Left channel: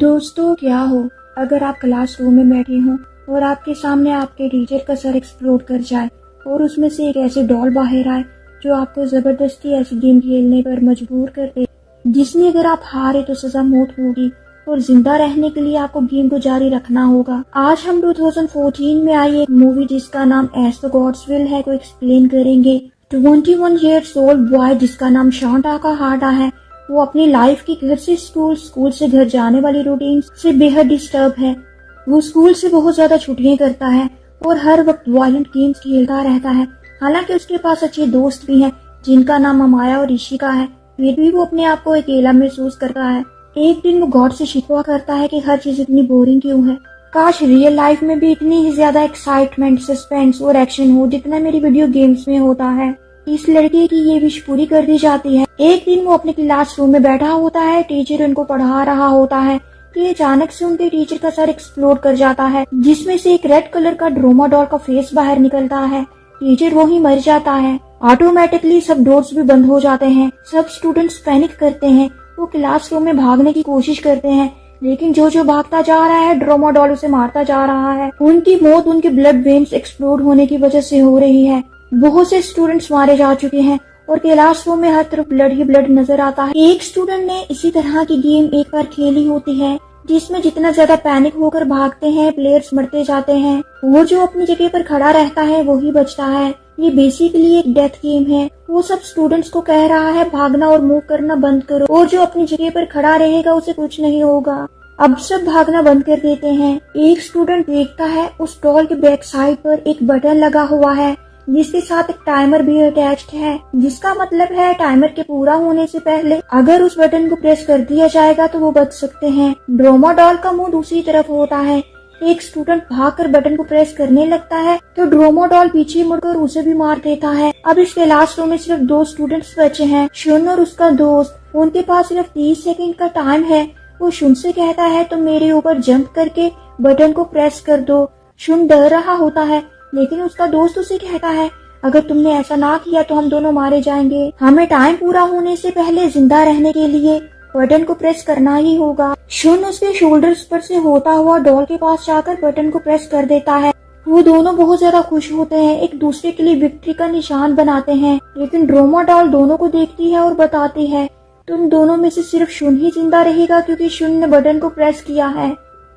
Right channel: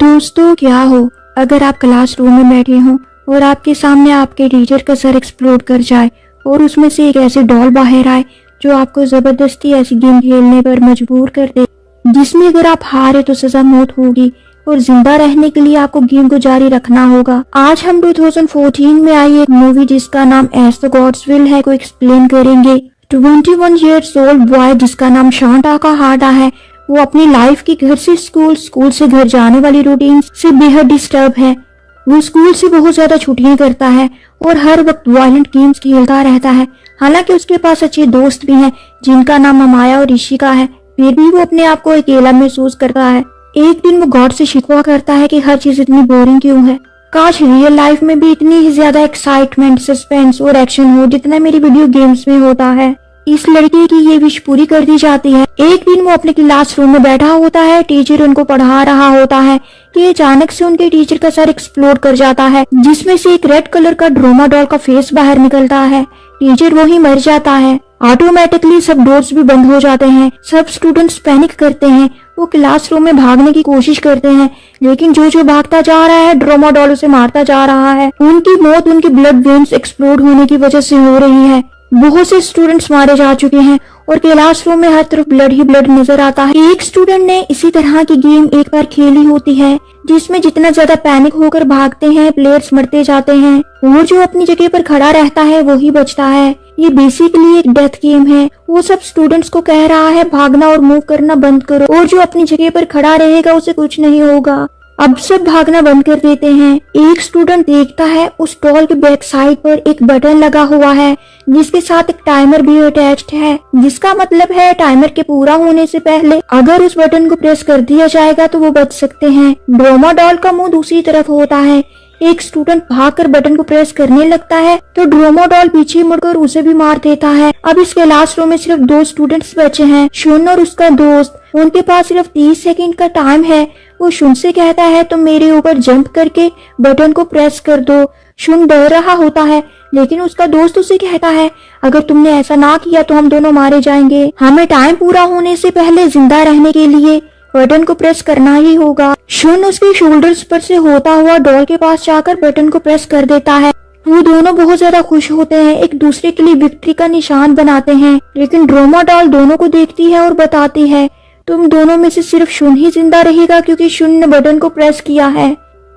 दोस्तों क्या हो अगर आप क्लासरूम में बैठे हो और आपके सामने आपके टीचर का सर एक्सप्लोड कर जाए और उसमें से एक ऐसी डॉल बाहर आए जो आपको जबरदस्ती ऐसी गेम खेलने पर मजबूर कर दे, जिसमें अगर आप हारे तो सजा मौत होगी और जिंदा रहने के लिए आपको गेम को जारी रखना होगा। आज हम 2014 में आई एक मूवी जिसका नाम एज द गॉड्स विल है को एक्सप्लेन करेंगे। 21 years old बॉय जिसका नाम शांटा का हार्डा है, वो अपनी लाइफ की घर से स्कूल, स्कूल से घर जाने वाली रूटीन से बेहद डिस्टर्ब है। वो स्कूल से बहुत ज्यादा छुट्टियां करता है और हर वक्त वायलेंट गेम्स खेलता रहता है। हालांकि उसके पास अच्छे दोस्त भी हैं जिनका नाम अमाया और ऋषिका है, फिर भी वो अपने आप को अकेला महसूस करता है। एक दिन वो गॉड से शिकवा करता है कि हर चीज इतनी बोरिंग क्यों है, काश रियल लाइफ में भी इतनी ही ज्यादा एक्साइटमेंट, सस्पेंस और एक्शन हो जितना मेरी वीडियो गेम्स में होता है। इस लड़की की ये विश पूरी कर दी जाती है। एक दिन वो अपने क्लासरूम में बैठा होता है, टीचर उनको पढ़ा रहा होता है कि अचानक से उनके टीचर का सर एक्सप्लोड कर जाता है, जिसमें से एक रेड कलर का ड्रोमा डॉल का फेस बाहर निकलता है। टीचर वही मर जाता है। ऑटोमेटिकली सब डोर्स भी बंद हो जाते हैं। सब स्टूडेंट्स पैनिक करते हैं। वो क्लासरूम में भागने की कोशिश करते हैं, लेकिन जो भागता जा रहा है ड्रोमा डॉल उसे मारता जा रहा है। उनकी मौत उनकी ब्लड वेन्स एक्सप्लोड होने की वजह से हो रही है। बहुत से स्टूडेंट्स मारे जा चुके हैं और क्लासरूम में हर तरफ ब्लड ही ब्लड नजर आता है। एक स्टूडेंट ने इसी तरह की गेम एक बार खेली होती है, जिसमें जितना ज्यादा पैनिक होकर भागते हैं प्लेयर्स मरते जाते हैं और जो अपनी जगह पर खड़ा रहता है वही बचता है। ये बेसिकली एक डेथ गेम है। वो सब स्टूडेंट्स को कह रहा है भागना और मूव करना बंद करो, और जो अपनी जगह पर खड़ा रहेगा उसे कुछ नहीं होगा। अब सब भागना बंद कर देते हैं। एक स्टूडेंट देखता है उस डॉल के बैक साइड पर एक बटन लगा हुआ है जिसके साथ एक टाइमर भी अटैच्ड है, जिसका मतलब है टाइमर के पूरा होने से पहले अगर उस बटन को प्रेस कर दिया जाएगा तो वो बच सकते हैं। ड्रोमा डॉल का मुंह दूसरी तरफ होता है। एक स्टूडेंट भागकर बटन को प्रेस करने लगता है तो ड्रोमा डॉल पीछे मुड़कर उसे भी मार देता है। अब इस क्लासरूम में सिर्फ 2 स्टूडेंट्स बचे हैं, शुन और उसका दोस्त। उनके पास सिर्फ 30 सेकंड का टाइम है। वो शुन से कहता है तो मेरे ऊपर जंप करके बटन को प्रेस कर दो। शुन डर रहा होता है, लेकिन उसका दोस्त उसे कहता है अगर तुमने ऐसा ना किया तो हम दोनों मारे जाएंगे। हमें टाइम पूरा होने से पहले जिंदा रहने के लिए बटन को प्रेस करना ही होगा। शुन उसके शोल्डर्स पर से होता हुआ डॉल के पास जाकर बटन को प्रेस कर देता है। वो दोनों बहुत ज्यादा खुश होते हैं, एक दूसरे के लिए विक्ट्री का निशान बनाते हैं। लेकिन ड्रोमा डॉल दोनों को देखती है और बताती है तुम दोनों में से सिर्फ शुन ही जिंदा रहेगा क्योंकि शुन ने बटन को प्रेस किया है।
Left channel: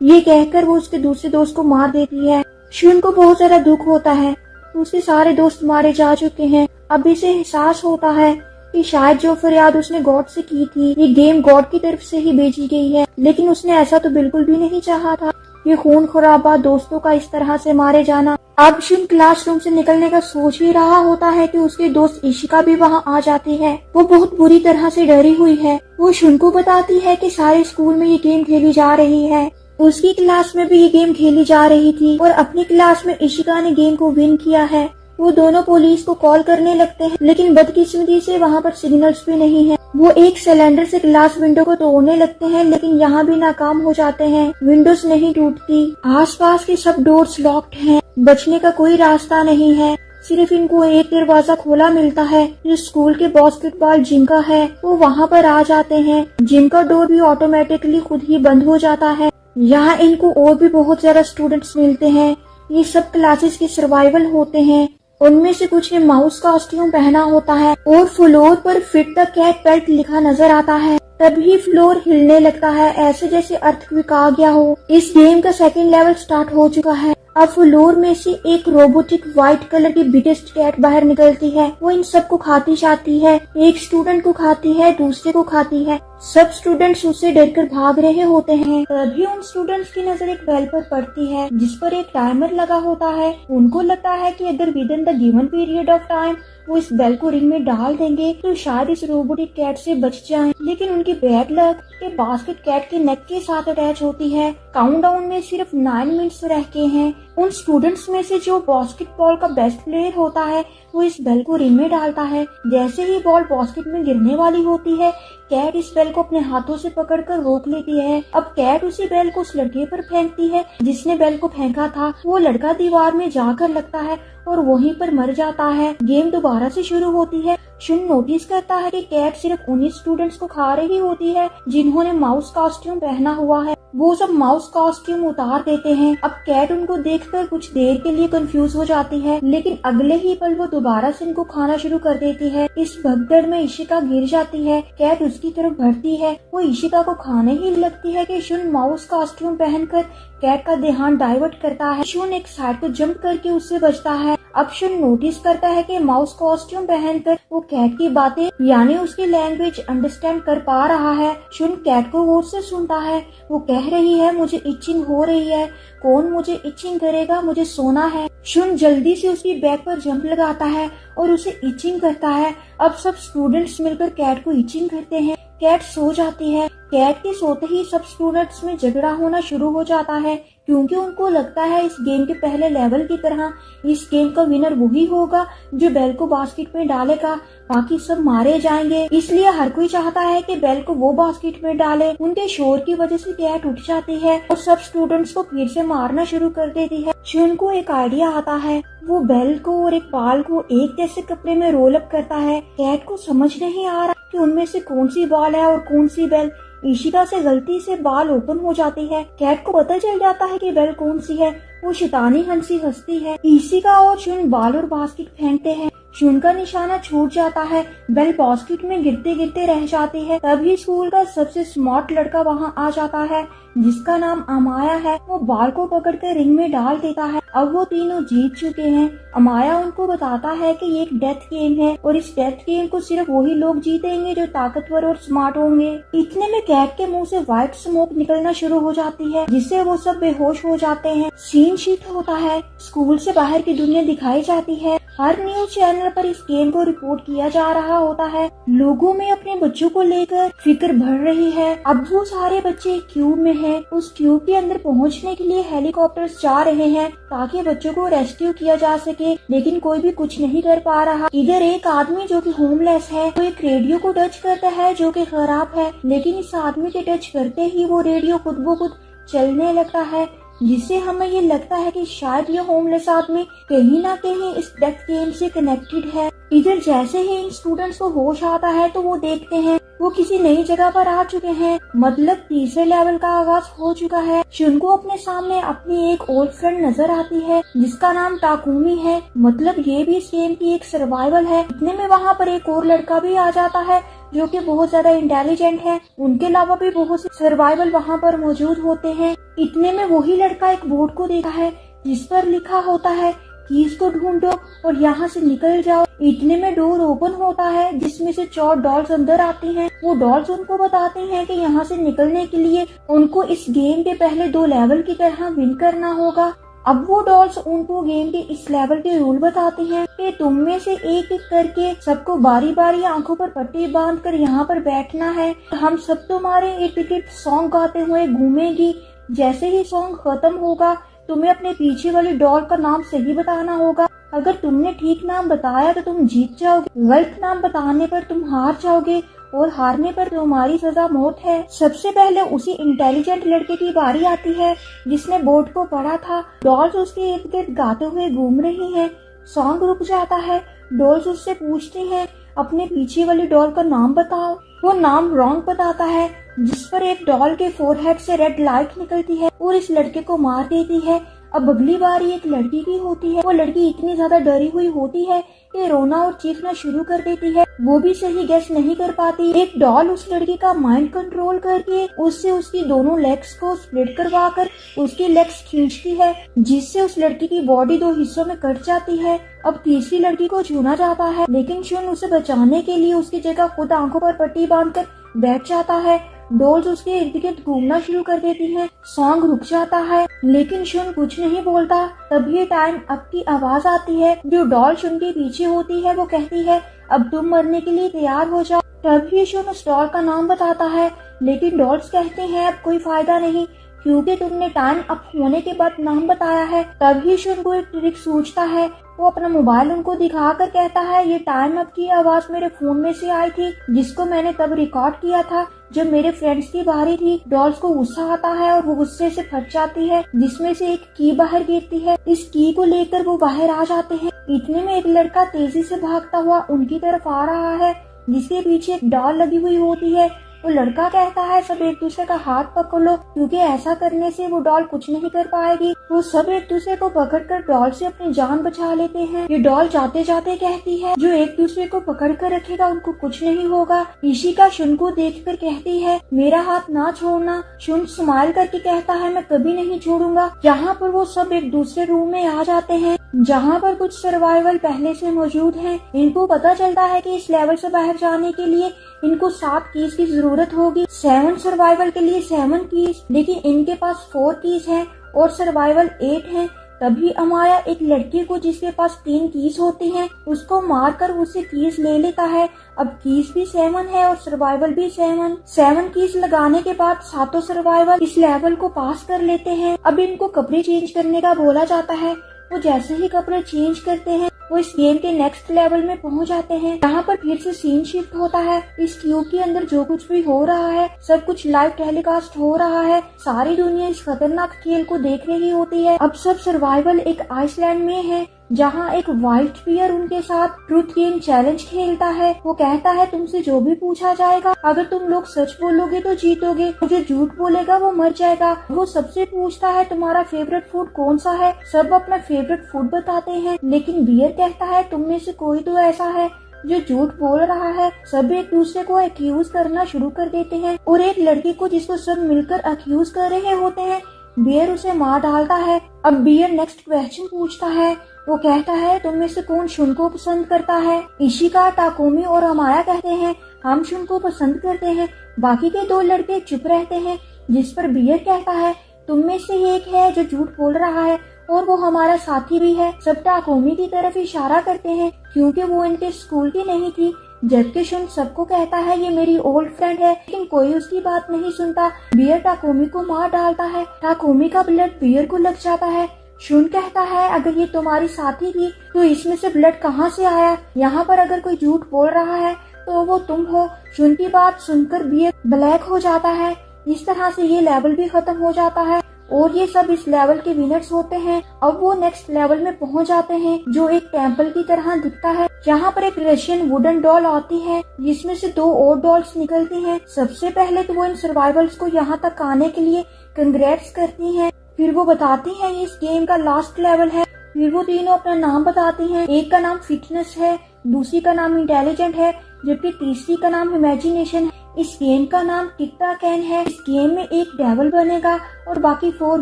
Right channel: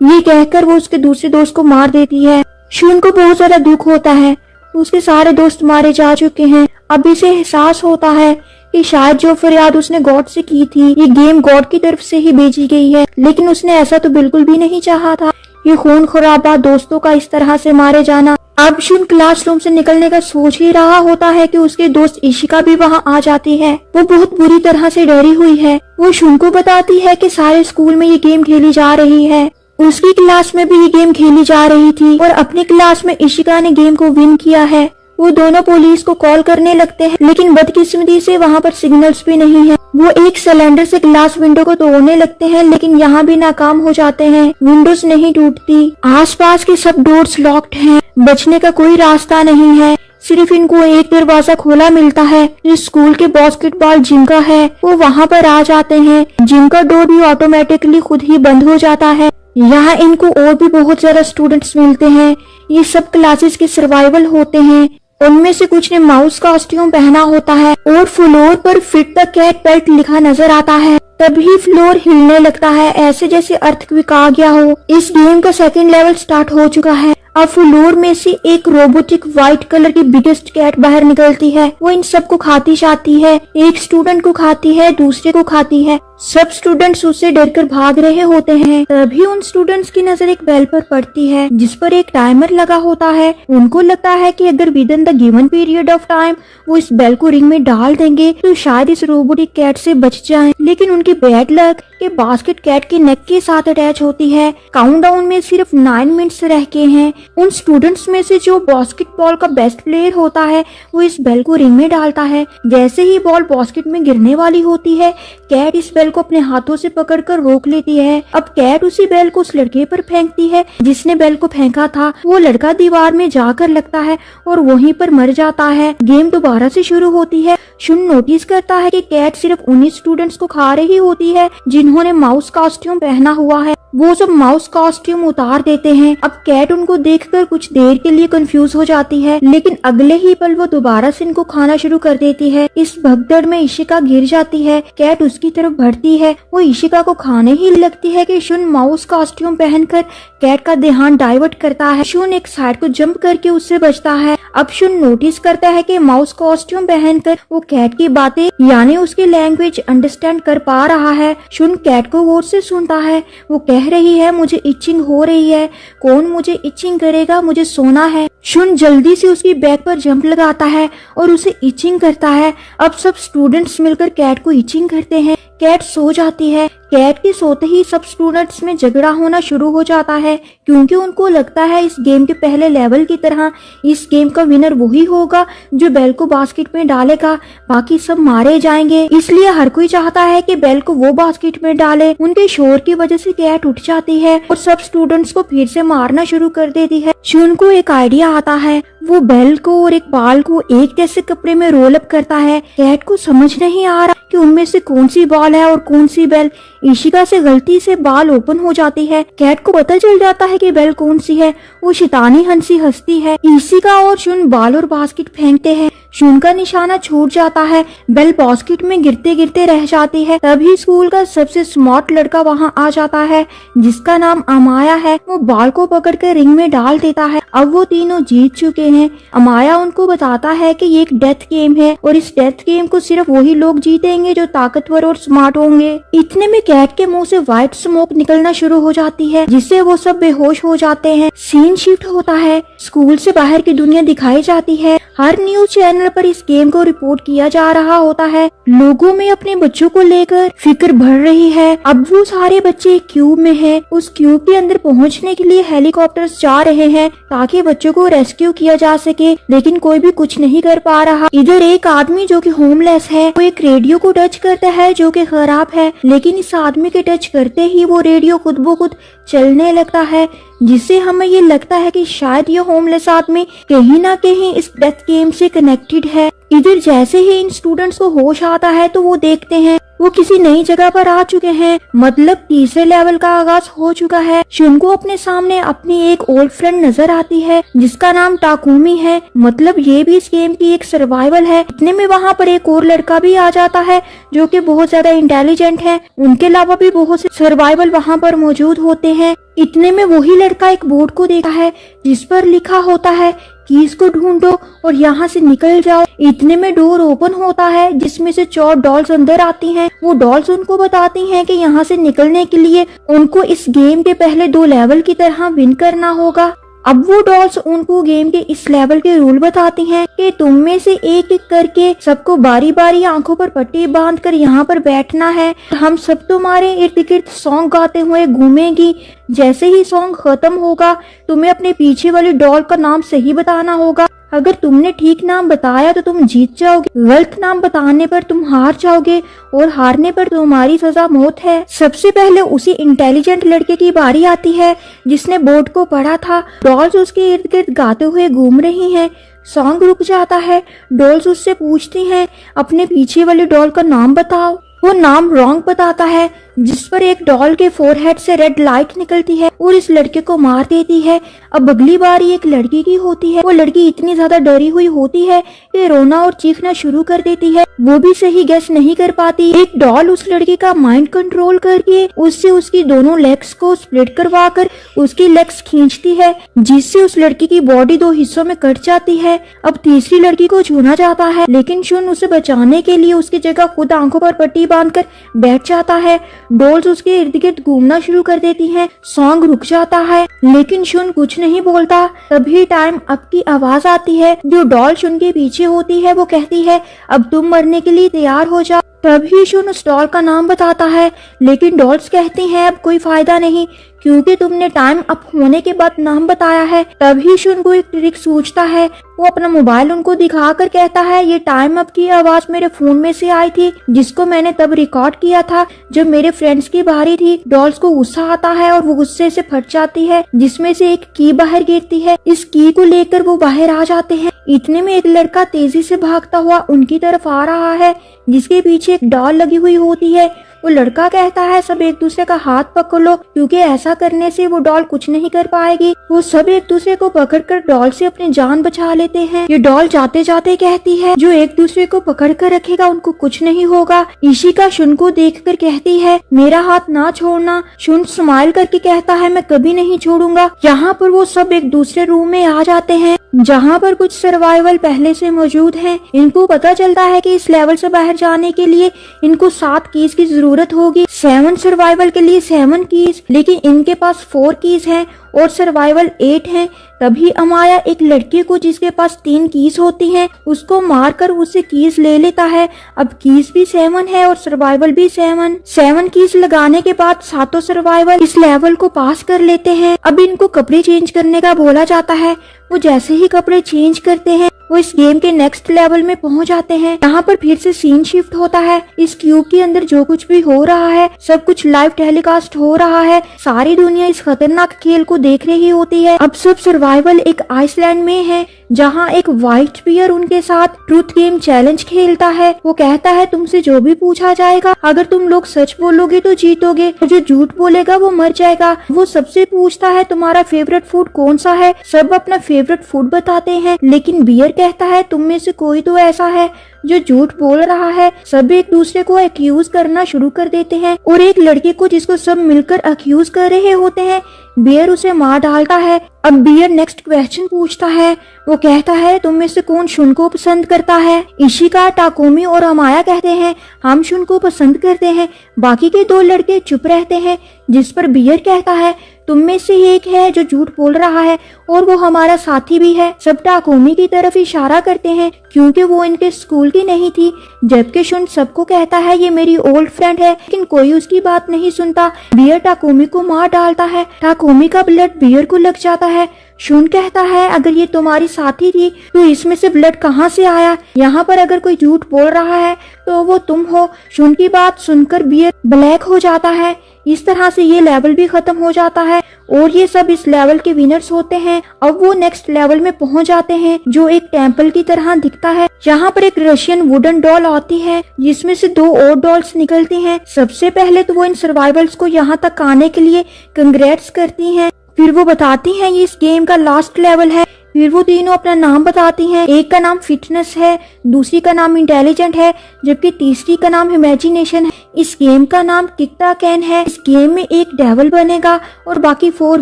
ये कहकर वो उसके दूसरे दोस्त को मार देती है। शुन को बहुत ज्यादा दुख होता है, उसके सारे दोस्त मारे जा चुके हैं। अब इसे एहसास होता है कि शायद जो फरियाद उसने गॉड से की थी ये गेम गॉड की तरफ से ही भेजी गई है, लेकिन उसने ऐसा तो बिल्कुल भी नहीं चाहा था। ये खून खराबा दोस्तों का इस तरह से मारे जाना। अब शुन क्लासरूम से निकलने का सोच ही रहा होता है कि उसके दोस्त इशिका भी वहां आ जाती है। वो बहुत बुरी तरह से डरी हुई है। वो शुन को बताती है कि सारे स्कूल में ये गेम खेली जा रही है। उसकी क्लास में भी ये गेम खेली जा रही थी और अपनी क्लास में इशिका ने गेम को विन किया है। वो दोनों पुलिस को कॉल करने लगते हैं, लेकिन बदकिस्मती से वहाँ पर सिग्नल्स भी नहीं है। वो एक सिलेंडर से ग्लास विंडो को तोड़ने लगते हैं, लेकिन यहाँ भी नाकाम हो जाते हैं। विंडोज नहीं टूटती। आसपास के सब डोर्स लॉक्ड हैं। बचने का कोई रास्ता नहीं है। सिर्फ इनको एक दरवाजा खोला मिलता है जो स्कूल के बास्केटबॉल जिम का है। वो वहाँ पर आ जाते हैं। जिम का डोर भी ऑटोमेटिकली खुद ही बंद हो जाता है। यहाँ इनको और भी बहुत ज्यादा स्टूडेंट्स मिलते हैं। ये सब क्लासेस के सर्वाइवल होते हैं। उनमें से कुछ ने माउस कॉस्ट्यूम पहना होता है और फ्लोर पर फिट द कैट पेट लिखा नजर आता है। तभी फ्लोर हिलने लगता है, ऐसे जैसे अर्थक्वेक आ गया हो। इस गेम का सेकंड लेवल स्टार्ट हो चुका है। अब फ्लोर में से एक रोबोटिक व्हाइट कलर की बिगेस्ट कैट बाहर निकलती है। वो इन सबको खाती जाती है। एक स्टूडेंट को खाती है, दूसरे को खाती है। सब स्टूडेंट्स उससे डरकर भाग रहे होते हैं। तभी उन स्टूडेंट्स की नजर एक बेल पर पड़ती है जिस पर एक टाइमर लगा होता है। उनको लगता है कि अगर with in the given period of time वो इस बेल को रिंग में डाल देंगे तो शायद इस रोबोटिक कैट से बच जाएं। लेकिन उनकी बैड लक के बास्केट कैट के नेक के साथ अटैच होती है। काउंटडाउन में सिर्फ 9 मिनट्स रह गए हैं। उन स्टूडेंट्स में से जो बास्केटबॉल का बेस्ट प्लेयर होता है वो इस बेल को रिंग में डालता है। जैसे ही बॉल बास्केट में गिरने वाली होती है, कैट इस बेल को अपने हाथों से पकड़कर रोक लेती है। अब कैट उसी बेल को उस लड़के पर फेंकती है जिसने बेल को फेंका था। वो लड़का दीवार में जाकर लगता है और वहीं पर मर जाता है। गेम दोबारा से शुरू होती है। शुन नोटिस करता है कि कैट सिर्फ उन्हीं स्टूडेंट्स को खा रही होती है जिन्होंने माउस कॉस्ट्यूम पहना हुआ है। वो सब माउस कॉस्ट्यूम उतार देते हैं। अब कैट उनको देखकर कुछ देर के लिए कंफ्यूज हो जाती है, लेकिन अगले ही पल वो दोबारा से इनको खाना शुरू कर देती है। इस भगदड़ में इशिका गिर जाती है। कैट उसकी तरफ बढ़ती है, वो इशिका को खाने ही लगती है कि शुन माउस कॉस्ट्यूम पहनकर कैट का ध्यान डाइवर्ट करता है। शुन एक साइड को जंप करके उससे बचता है। अब शुन नोटिस करता है कि माउस कॉस्ट्यूम पहनकर वो कैट की बातें यानी उसकी लैंग्वेज अंडरस्टैंड कर पा रहा है। शुन कैट को गौर से सुनता है। वो कह रही है, मुझे इचिंग हो रही है, कौन मुझे इचिंग करेगा, मुझे सोना है। शुन जल्दी से उसकी बैक पर जंप लगाता है और उसे इचिंग करता है। अब सब स्टूडेंट्स मिलकर कैट को इचिंग करते हैं। कैट सो जाती है। कैट के सोते ही सब स्टूडेंट्स में झगड़ा होना शुरू हो जाता है, क्योंकि उनको लगता है इस गेम के पहले लेवल की तरह इस गेम का विनर वही होगा जो बेल को बास्केट में डालेगा, बाकी सब मारे जाएंगे। इसलिए हर कोई चाहता है कि बेल को वो बास्केट में डाले। उनके शोर की वजह से कैट उठ जाती है और सब स्टूडेंट्स को फिर से मारना शुरू कर देती है। शुन को एक आइडिया आता है। वो बेल को और एक बाल को एक जैसे कपड़े में रोल अप करता है। कैट को समझ नहीं आ रहा कि उनमें से कौन सी बाल है और कौन सी बेल। इशिका से गलती से बाल ओपन हो जाती है। कैट को पता चल जाता है कि बेल कौन सी है। वो शैतानी हंसी हंसती है। इशिका और शुन बाल और बास्केट फेंकते हैं। शुन का निशाना छूट जाता है। बेल बास्केट में गिरते गिरते रह जाती है। तभी स्कूल का सबसे स्मार्ट लड़का वहां आ जाता है, जिसका नाम अमाया है। वो बाल को पकड़कर रिंग में डाल देता है। अब वो तीनों जीत चुके हैं। अमाया उनको बताता है कि ये एक डेथ गेम है और इस डेथ गेम को सिर्फ वही लोग जीतेंगे जो ताकतवर और स्मार्ट होंगे। इतने में कैट के मुंह से व्हाइट स्मोक निकलना शुरू हो जाती है, जिससे वो सब बेहोश हो जाते हैं। सीन शिफ्ट होता है। स्कूल से बाहर की दुनिया दिखाई जाती है। हर न्यूज चैनल पर इस गेम को रिपोर्ट किया जा रहा होता है। लोगों में अपने बच्चों को लेकर फिक्र बढ़ रही है। अब वो सारे बच्चे क्यूब में हैं। उस क्यूब के अंदर पहुंचने के लिए हेलीकॉप्टर्स जा रहे हैं ताकि बच्चों को रेस्क्यू किया जा सके, लेकिन कोई भी कुछ नहीं कर पा रहा। इधर एक आदमी जो कि होमलेस है, वो एक रेडियो को टच करता है जो कि खराब है, लेकिन इस आदमी के टच करते ही वो रेडियो खुद ब खुद चलने लगता है, जिससे हमें ये लगता है कि शायद ये होमलेस आदमी कहीं ना कहीं इस डेथ गेम से कनेक्टेड है। इधर जैसे ही इन स्टूडेंट्स को होश आता है तो वो देखते हैं वो किसी नई जगह पर आ चुके हैं, मतलब तीसरे लेवल का आगाज हो चुका है। शुन को अपने सामने अपनी एक ओल्ड फ्रेंड नजर आती है जिसका नाम टाकुमी है, मतलब ये भी इस गेम की एक सर्वाइवल है। इतने में वहाँ पर एक और लड़का भी आ जाता है जो कि बहुत ज्यादा इंटेलिजेंट है। उनके अलावा भी बहुत से सर्वाइवल वहाँ पर मौजूद होते हैं। इतने में वही लड़का एक बोर्ड को देखता है जिस पर लिखा होता है कीज को ढूंढो और यहाँ से निकल जाओ। इतने में डोर ओपन होता है जिसमें से 4 डॉल्स अंदर आती हैं। वो डॉल्स उनको बताती हैं कि यहाँ से निकलने के लिए उनको इस गेम के पहले 2 लेवल की तरह विन करना होगा। अब वो डॉल्स उनको गेम के इस लेवल के रूल बताती हैं कि तुम में से एक एक करके सबको बारी बारी आंखों पर पट्टी बांधकर यहाँ पर बैठना है। हम सब तुम्हारे इर्द गिर्द सॉन्ग गाते हुए घूमेंगी। जैसे ही सॉन्ग खत्म होगा तुम्हें अपने पीछे वाले डॉल का नाम सही बताना होगा। अगर तुमने ठीक नाम बताया तो तुम जीत जाओगे, गलत नाम बताने पर तुम हार जाओगे और हारने पर तुम्हारी सजा मौत है। सबसे पहले उसी इंटेलिजेंट लड़के की बारी आती है जिसने बोर्ड को पढ़ा था। डॉल्स उसके इर्द गिर्द गाते हुए घूम रही हैं। सॉन्ग रुक जाता है। डॉल्स उससे पूछती हैं अपने पीछे वाले डॉल का नाम बताओ। वो नाम रॉन्ग बताता है, जिस पर एक डॉल के फोरहेड से रेड लाइट निकलती है और इस लड़के को मार देती है। अब अगली बारी एक लड़की की होती है। वो लड़की इतनी ज्यादा डरी हुई होती है कि रोना और चीखना शुरू कर देती है। वो भी सही गेस नहीं कर पाती। एक डॉल उस लड़की का माइंड कंट्रोल करके उससे उसकी दोनों लेग्स को स्प्लिट करवा कर उसकी लेग्स खींचती है, जिससे उस लड़की की बॉडी 2 हिस्सों में कट जाती है। अब तीसरी लड़की को छूना जाता है, लेकिन शुन उसे बचाने के लिए उसकी जगह खुद आंखों पर पट्टी बांधकर बैठ जाता है। डॉल्स उसके इर्द गिर्द घूमना शुरू कर देती हैं। सॉन्ग रुक जाता है, लेकिन शुन कुछ नहीं बोलता। तभी टाइम अप की आवाज आती है। जो डॉल शुन के पीछे होती है वो कहती है अब तुम मरने के लिए तैयार हो जाओ। तभी शुन उस डॉल का नाम बताता है, लेकिन डॉल्स कहती हैं अब कोई फायदा नहीं क्योंकि तुमने टाइम अप होने के बाद नाम बताया है। तभी शुन को एक ट्रिक सूझता है। वो अपना मोबाइल उनको दिखाकर कहता है ये टाइम अप की आवाज मेरे फोन में से आई थी, जिसको मैंने तब रिकॉर्ड किया था जब मेरे फ्रेंड्स की बारी थी। डॉल्स को गुस्सा आता है और वो गुस्से से फट जाती है, जिसमें से एक की बाहर गिरती है। इस की को लेकर वो बाहर आ जाते हैं। इतने में एक लड़का तेजी से भागता हुआ उनकी तरफ आ रहा है, जिसके पीछे एक डॉल लगी हुई होती है। वो लड़का कहता है सब एक दूसरे का हाथ पकड़ लो, क्योंकि ऐसा करने से वो डॉल कुछ नहीं कर पाएगी। वो सब एक दूसरे को पकड़कर डॉल से अपनी जान बचा लेते हैं। ये डॉल जाते जाते कहती है जो एक दूसरे को पकड़ कर रखेगा उनको कुछ नहीं होगा। इशिका शुन को देखकर कहती है मेरा हाथ ना छोड़ना। शुन स्माइल करके कहता है मैं कभी नहीं छोड़ूंगा। यहाँ पर वो सब एक दूसरे रूम में आ जाते हैं जहाँ पर कुछ सर्वाइवल पहले से मौजूद हैं। इनको पता चलता है कि इस लेवल से बाहर जाने के लिए इनको 7 कीज की जरूरत होगी। 7 सर्वाइवल के लिए 7 कीज, लेकिन इनके पास 4 कीज हैं और सर्वाइवल 8 हैं। तभी अमाया एक लड़की को जिसके पास 3 कीज होती हैं उसको मारकर उससे कीज ले लेता है। अब कीज भी 7 है और सर्वाइवल भी 7 कीज लगाने के बाद 7 सर्वाइवल इस लेवल को पास कर लेते हैं। अब इनको कपड़े चेंज करने का बोला जाता है। वो जैसे ही कपड़े चेंज करते हैं वो इस गेम के नेक्स्ट लेवल में पहुंच जाते हैं। यहाँ पर फिर से सीन शिफ्ट होता है। इस क्यूब के अंदर जो कुछ भी हो रहा है सब कुछ लाइव टेलीकास्ट हो रहा है। सारी दुनिया इस खतरनाक खेल को देख रही होती है। अब सब सर्वाइवल एक आइसलैंड में है जहाँ एक व्हाइट बियर उनके साथ ट्रूथ गेम चैलेंज खेलता है। वो कहता है तुमसे जो भी पूछा जाएगा अगर तुम लोग सच बोलोगे तो जीतोगे और जो झूठ बोलेगा वो मर जाएगा। वो सबसे पूछता है तुम्हारा फेवरेट फूड कौन सा है। सब अपना फेवरेट फूड बताते हैं, लेकिन बियर कहता है तुम में से कोई तो ऐसा है जो झूठ बोल रहा है। सब एक दूसरे को एक्यूज करना शुरू कर देते हैं और एक लड़के को जिसको सब मिलकर एक्यूज कर रहे होते हैं बियर उसे मार डालता है। अब बियर नेक्स्ट क्वेश्चन पूछता है। वो कहता है तुम में से कौन शुन को पसंद करता है। इशिका, टाकोमी और अमाया कहते हैं हम शुन को पसंद करते हैं। बाकी के 2 लड़के चुप रहते हैं, जिस पर बियर कहता है तुम में से एक है जो झूठ बोल रहा है और वो हमारा साथी भी है। सब टाकोमी की तरफ इशारा करते हैं क्योंकि वो इनके स्कूल की नहीं थी, जबकि शुन सबको कहता है ये मेरी ओल्ड फ्रेंड है, लेकिन कोई उसकी बात नहीं सुनता। बियर टाकोमी को मार डालता है। टाकोमी का ब्लड बियर को लग जाता है। शुन कहता है अगर ये तुम्हारी साथी थी तो इसमें से ब्लड कहाँ से आया। यहाँ पर अगर कोई झूठ बोल रहा है तो वो तुम हो। शुन की बात सुनकर बियर ब्लैक हो जाता है। इस तरह से ये लेवल भी खत्म हो जाता है और ये सब इस लेवल के विनर्स होते हैं। अब वो नेक्स्ट लेवल में पहुंच जाते हैं जो एक टेम्पल की तरह दिखता है। यहाँ पर एक रशियन वुडन डॉल आती है जिसमें से 2 और डॉल्स निकलती हैं। सबसे पहले तो वो इन सर्वाइवल्स को यहाँ तक आने के लिए कंग्रेट्स करती हैं। फिर वो बताती हैं ये इस गेम का लास्ट लेवल है। फिर वो तीनों अपना नाम बताती हैं। एक का नाम फिटनेस है, दूसरी का नाम इंटेलिजेंट है, जबकि तीसरी का नाम इमेजिनेशन है। इस गेम का नाम किकटा कैन है। इस गेम में एक डेविल बनेगा और बाकी 4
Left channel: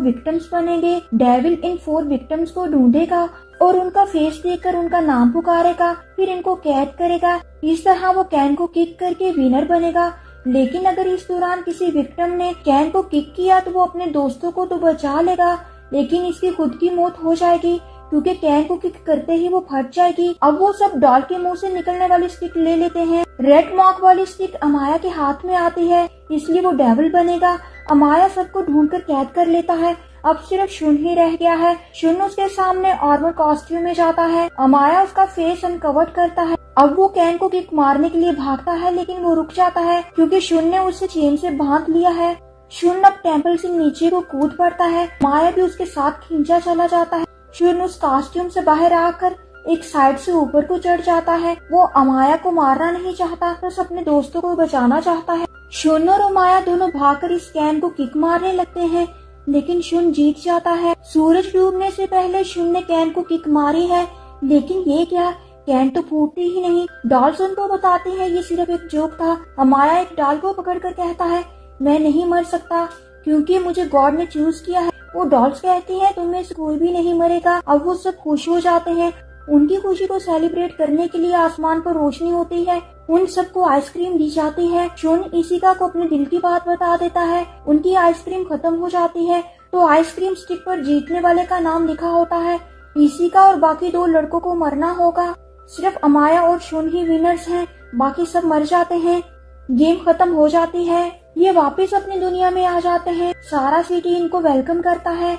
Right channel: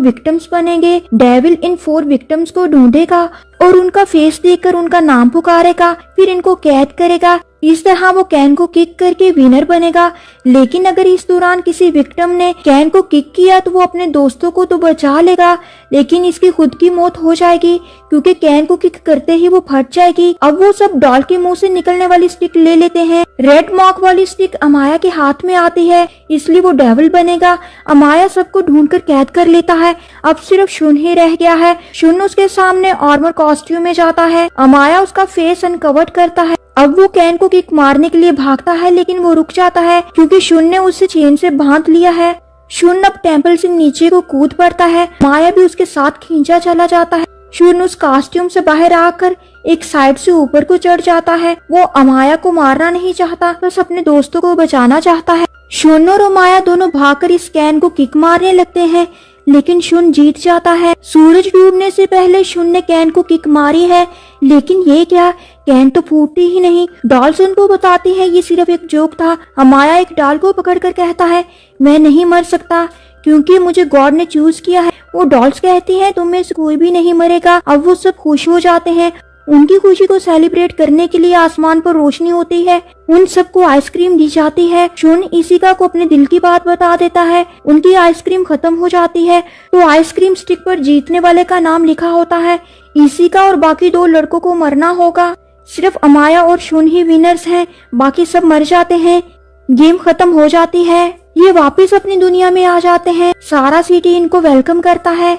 विक्टिम्स बनेंगे। डेविल इन 4 विक्टिम्स को ढूंढेगा और उनका फेस देखकर उनका नाम पुकारेगा, फिर इनको कैद करेगा। इस तरह वो कैन को किक करके विनर बनेगा। लेकिन अगर इस दौरान किसी विक्टिम ने कैन को किक किया तो वो अपने दोस्तों को तो बचा लेगा, लेकिन इसकी खुद की मौत हो जाएगी क्योंकि कैन को किक करते ही वो फट जाएगी। अब वो सब डॉल के मुंह से निकलने वाली स्टिक ले लेते हैं। रेड मार्क वाली स्टिक अमाया के हाथ में आती है, इसलिए वो डेविल बनेगा। अमाया सबको ढूंढकर कैद कर लेता है। अब सिर्फ शुन ही रह गया है। शुन उसके सामने आर्मर कॉस्ट्यूम में जाता है। अमाया उसका फेस अनकवर करता है। अब वो कैन को किक मारने के लिए भागता है, लेकिन वो रुक जाता है क्योंकि शुन ने उसे चेन से बांध लिया है। शुन अब टेम्पल से नीचे को कूद पड़ता है। माया भी उसके साथ खींचा चला जाता है। शुन उस कॉस्ट्यूम से बाहर आकर एक साइड से ऊपर को चढ़ जाता है। वो अमाया को मारना नहीं चाहता, बस अपने दोस्तों को बचाना चाहता है। शुन और अमाया दोनों भागकर इस कैन को किक मारने लगते हैं, लेकिन शुन जीत जाता है। सूरज डूबने से पहले शुन ने कैन को किक मारी है, लेकिन ये क्या, कैन तो फूटती ही नहीं। डॉल्स उनको बताती है ये सिर्फ एक जोक था। अमाया एक डॉल को पकड़कर कहता है मैं नहीं मर सकता क्योंकि मुझे गॉड ने चूज किया है। वो डॉल्स कहती है तुम में से कोई भी नहीं मरेगा। अब वो सब खुश हो जाते हैं। उनकी खुशी को सेलिब्रेट करने के लिए आसमान पर रोशनी होती है। उन सबको आइसक्रीम दी जाती है। शुन इशिका को अपने दिल की बात बता देता है। उनकी आइसक्रीम खत्म हो जाती है तो आइसक्रीम स्टिक पर जीतने वाले का नाम लिखा होता है। इशिका और बाकी 2 लड़कों को मरना होगा। सिर्फ अमाया और शुन ही विनर्स हैं, बाकी सब मर जाते हैं। गेम खत्म हो जाती है। ये वापस अपनी दुनिया में आ जाते हैं। सारा सिटी इनको वेलकम करता है।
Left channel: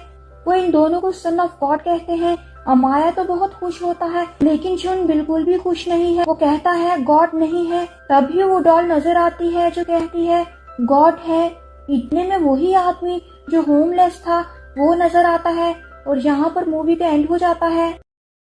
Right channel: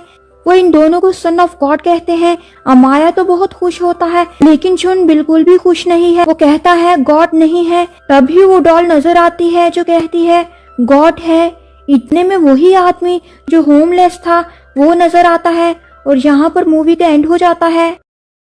वो इन दोनों को सन ऑफ गॉड कहते हैं। अमाया तो बहुत खुश होता है, लेकिन शुन बिल्कुल भी खुश नहीं है। वो कहता है गॉड नहीं है। तभी वो डॉल नजर आती है जो कहती है गॉड है। इतने में वही आदमी जो होमलेस था वो नजर आता है और यहाँ पर मूवी का एंड हो जाता है।